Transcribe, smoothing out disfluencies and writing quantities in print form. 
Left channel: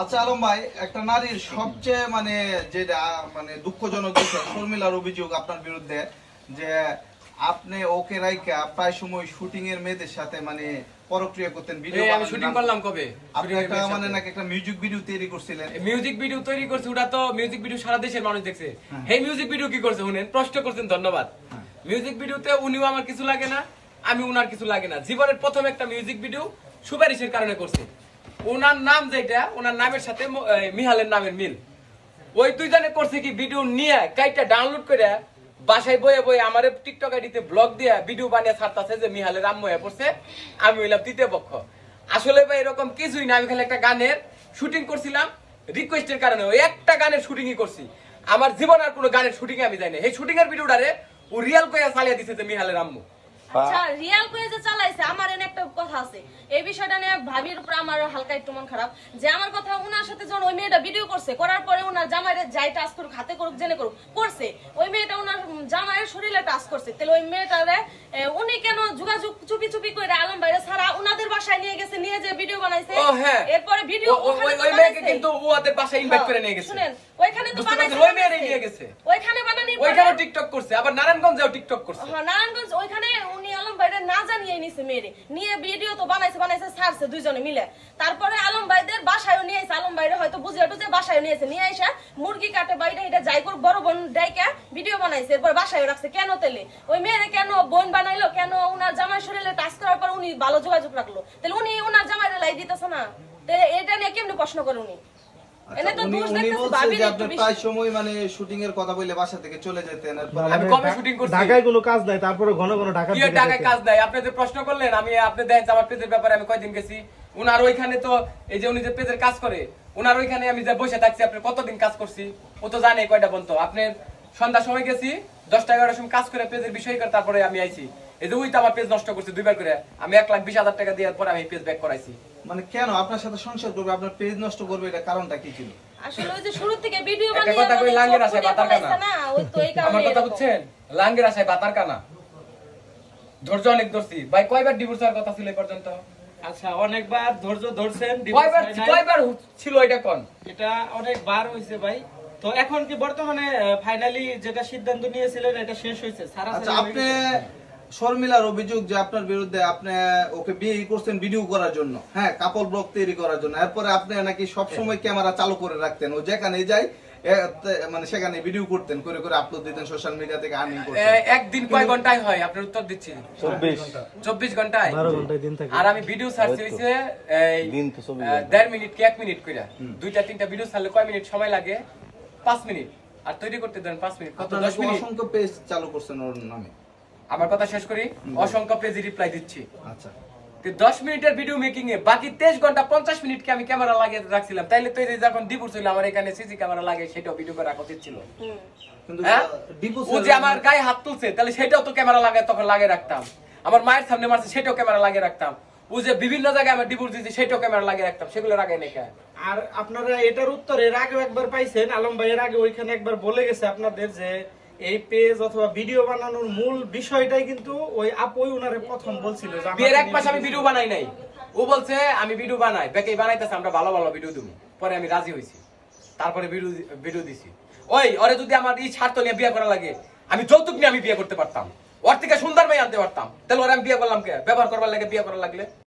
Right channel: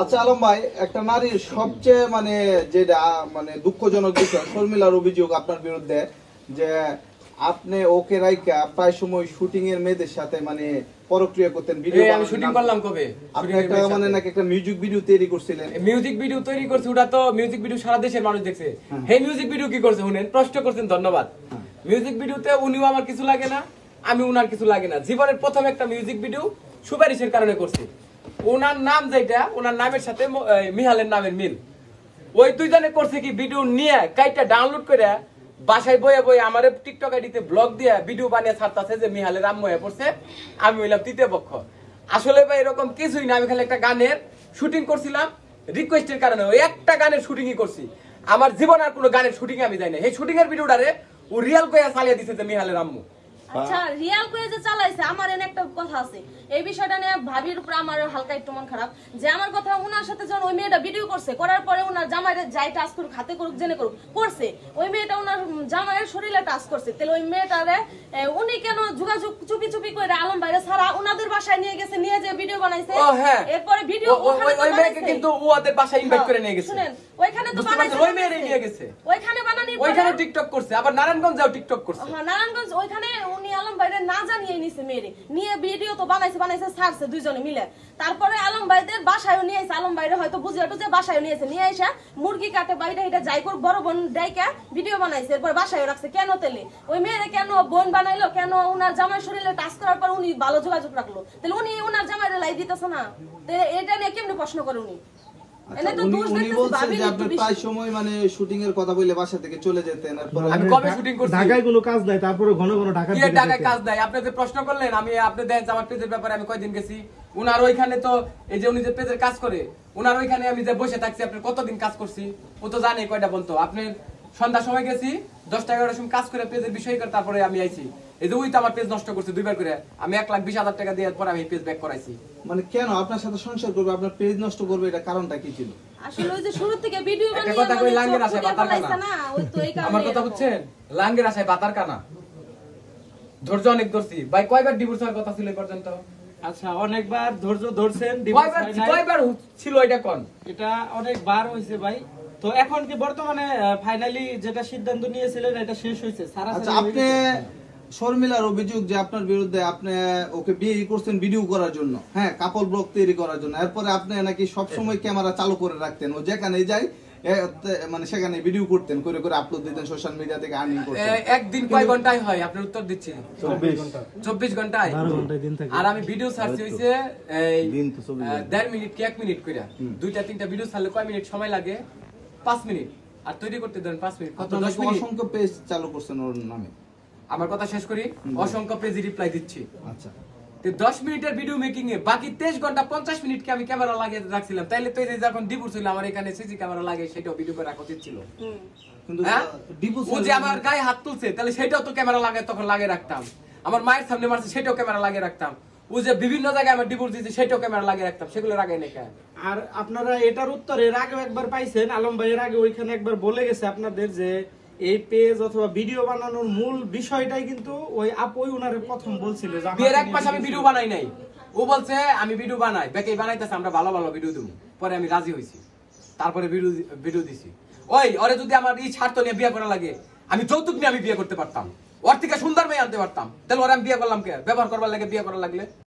আচ্ছা আলম ভাই, একটা নারীর সবচেয়ে যেটা দুঃখজনক বিষয় শর্মিলার অভিযোগ আপনার বিরুদ্ধে যে আপনি ওকে রাইকা প্রায় সময় শুটিং এর মেয়েদের সাথে পরক্রিয়া করতেন। ভিডিও আমি শুটিং করলাম কবে? আপনি একটা নাকি একটা মিউজিক ভিডিও তৈরি করছিলেন। মিউজিক ভিডিও তৈরি করছি, ওটা তো মিউজিক ভিডিও সারা দেশের মানুষ দেখছে। এই মিউজিক ভিডিও কি করছে শুনেন, প্রশ্ন করছেন, ধন্যবাদ। মিউজিক ভিডিওতে উনিও আমার কিছু লাগে না, আমি উনার কিছু লাগে না। জীবনের প্রথম একটা মিউজিক ভিডিও সুপারিশের কারণে করছি। ওনার নাম যেটা, ওনার নামের সাথে মিহালের নামের মিল, ওই দুইজনে করছে কি ভিডিও নিয়ে কাইটা ডাউনলোড করে বাসায় বয়ে বয়ে আমার টিকটক আইডিতে ব্লগ দিয়ে ভিডিও বানিয়ে ছাড়তেছে যে মিহালের আম্মু হয়ে পড়ছে, আমি হইলাম তৃতীয় পক্ষ। আসলে ভাই এরকম কিছুই না, আমি খালি একটা গানের শুটিং করছিলাম রিকোয়েস্টের কারণে, ওই একটা গানের শুটিংই করছি। আমার জীবন আর কোনো গানের শুটিং আমি যাই না। এই শুটিং এর ভিডিওটারে ও রিয়াল কইয়া চালিয়ে দিছে যে মিহালের আম্মু। আচ্ছা, রিয়াল কয়ে যে চালাইছে, আমার এনে একটা কথা আছে এই বিষয়টা নিয়ে। ভাবির উপরে আমার হালকা একটু মন খারাপ যে আমার কথা ওনার সাথে যখন ওই মেয়েটা ভিডিও করছে, করার পরে ওনার জামাইরে যাই টাচ করুক, হাতে করুক, জেনে করুক, করছে ওই মেয়েটা ওনার জামাইয়ের শরীরে টাচ করছে। তাহলে ওই মেয়েটারে উনি কেন যোগাযোগ চুপি চুপি করে আলম ভাইরে ছাড়া ওনাদের বাসায় নিয়ে গেছে, নিয়ে যে ভিডিও বানাইছে। এরপরে ভিডিও ওই মেয়েকে কিন্তু ওদের বাসায় ইনভাইট করে নিয়ে গেছে। শুনেন, ওইখানে তো বানাইছে, ওই মেয়েরই নিয়ে গেছে, ওইখানে বানানোর পরে ওইখানে টিকটক করছে, আবার নারায়ণগঞ্জেও টিকটক করছে। হ্যাঁ, নারায়ণগঞ্জ ওইখানে উনি আলম ভাইরে না জানিয়ে নিছে মেয়েরে, নিয়ে ভিডিও তো বানাইছে ছাড়ছে দুইজনে মিলে। তারপরে আলম ভাইদের বাসায় নিয়ে এসে, আলম ভাইরে হয়তো বুঝিয়ে টুঝে বাসায় নিয়েছে, নিয়ে এসে মুরগি কাটে বাইরে এটা যাই করে বড় বোন ডাইকা ভিডিও বানাইছে। এরপর বাসায় রাখছে। কেন তেলে ওই মেয়েরে কেন বোন বানাইলো, কেন ওনার জামাই শরীরে টাচ করার পর উনি ভালো যোগাযোগ রাখলো, তাহলে উনি ওনার জামাইরে লাই দিতেছে না? এটা নিয়ে কেমনি প্রশ্ন করে উনি? ঢাকায় কোনো কাজ নাই, তারপরে ঘন ঘন ঢাকায় কাজ নাই। আপনি যে প্রশ্ন করলেন, আমি আপনি দেখেন আমার পেজের ব্যাপারে আমি কয়দিন গেছি উনার ওইখানে, তো এই যে উনি যে পেজের কাজ করে উনার ওইখানে আমি যে বসে থাকছি, আপনি কতদিন কাজ করছি ও তো জানে কয়টা বলতো। আপনি সন্ধ্যার সময় গেছি, 10টা-11টার সময় কাজ করে পেজের বিষয় করে তারপরে আমি আইছি। এই যে ওই তো আমার পেজ নষ্ট করছে 2বার করে, আমি 1,20,000 টাকা দেওয়ার পর আমি পেজ ব্যাক করাইছি। কেন আপনার সাথে সংসার করবে, আপনার পেজ নষ্ট করবে, এটা কারণটা কি ছিল? আসলে ওই যে শুরু থেকে ভিডিও বানিয়ে কথা কই, লাঙ্গের আশায় বাতার কানা না, ওই তো এই কারণে আমার কথা বুঝছেন, লাঙ্গের আশায় বাতার কানা। ধৈর্য অনেক ধরছি ভাই। কয়বার ডিভোর্স হওয়ার কথা ছিল এই পর্যন্ত? আচ্ছা, অনেকবার ধৈর্য ধরছেন, কয়বার ছিল এটা কোন? এটা অনেকবার হয়েছে ভাই। তো এখন কি বর্তমানে ফাইনালি যেটা সিদ্ধান্ত নিয়েছিলেন এটা শেষ হয়েছে? আচ্ছা, আপনি শর্মিলার অভিযোগ যে আপনার বিরুদ্ধে আপনি ওকে বিয়ে করছেন ভিডিও করার জন্য, হ্যাঁ, কাপল ব্লগ তৈরি করার জন্য। এরপরে আপনি নাকি সবসময় ক্যামেরা চালু করে রাখতেন, ও যেখানে যাই সেখানে ভিডিও করতেন, করে করে আপলোড দিতেন সোশ্যাল মিডিয়া থেকে আর্নিং করতেন। একদিন কয় ঘন্টায় হয় আপনার উত্তর দিচ্ছি? 24 ঘন্টায়, 12 ঘন্টায় দিন থাকে। আর আমি ভিডিও সার্চ হইছে 1.5 মিনিট কি 1 মিনিট কইরা, 2টা-3টা ভিডিও ছাড়লে কয় মিনিট সময় লাগে? 5 মিনিট। আর তৈরি করতে দেন 5 মিনিট, কত? 10 মিনিট। অসংখ্য পেজ চালু করছেন ওর নামে। আমার কথা শেষ করি, অসংখ্য পেজে রিপ্লাই দিচ্ছি। আচ্ছা, 10 মিনিটের ভিডিও মেকিং এ বাকি 23 ঘন্টা 50 মিনিট কে আমি ক্যামেরা লাগিয়ে রাখছিলাম। তাইলে তো এই যখন ডিভোর্স হইলো আমার এখানে সিসি ক্যামেরা লাগে, সেটাও ভিডিও করে রাখা উচিত ছিল। কিন্তু ও যে আমার গায়ে হাত তুলছে, তাহলে সেটাও তো ক্যামেরা লাগায় তখন লাগিয়ে রাখতাম। আমার মায়ের সামনে মারছে, সেটাও ক্যামেরা লাগিয়ে রাখতাম। ও যে বিভিন্ন জায়গায় আমার ডিভোর্স দিয়েছে, সেটাও ক্যামেরা লাগিয়ে রাখতাম। সেগুলো লাগাই নাই। আর আপনারা এটার উত্তর এর আগেও একবার পাইছেন, আলম ভাই এর আগে ওইখানে একবার বলে গেছে আপনাদের যে এই পেজ অথবা ভিডিও বানানোর মূল বিষয়টাই কিন্তু ওই আপুই উনারে প্রথম বলছিল যে বিয়ের এক মাস আমি ভিডিও বানাই নাই। ও বলছে আমি ভিডিও বানাই, বেকেই বানাইতেছে, আমরা ভালো ভালো ভিডিও দেবো। পরে আমি রাজি হয়েছি, তারপরে ভিডিও দিছি। ওই ওরে যদি আমার এই স্বার্থ নিয়ে বিয়ে করা লাগে, আমি যৌতুক নিয়ে আমি বিয়ে করতে পারতাম, ওর থেকে সুন্দর মেয়ে আনতে পারতাম। তাহলে ওরে আমি বিয়ে করলাম কে? ব্যবহার করবার লাগে বিয়ে করা লাগলে।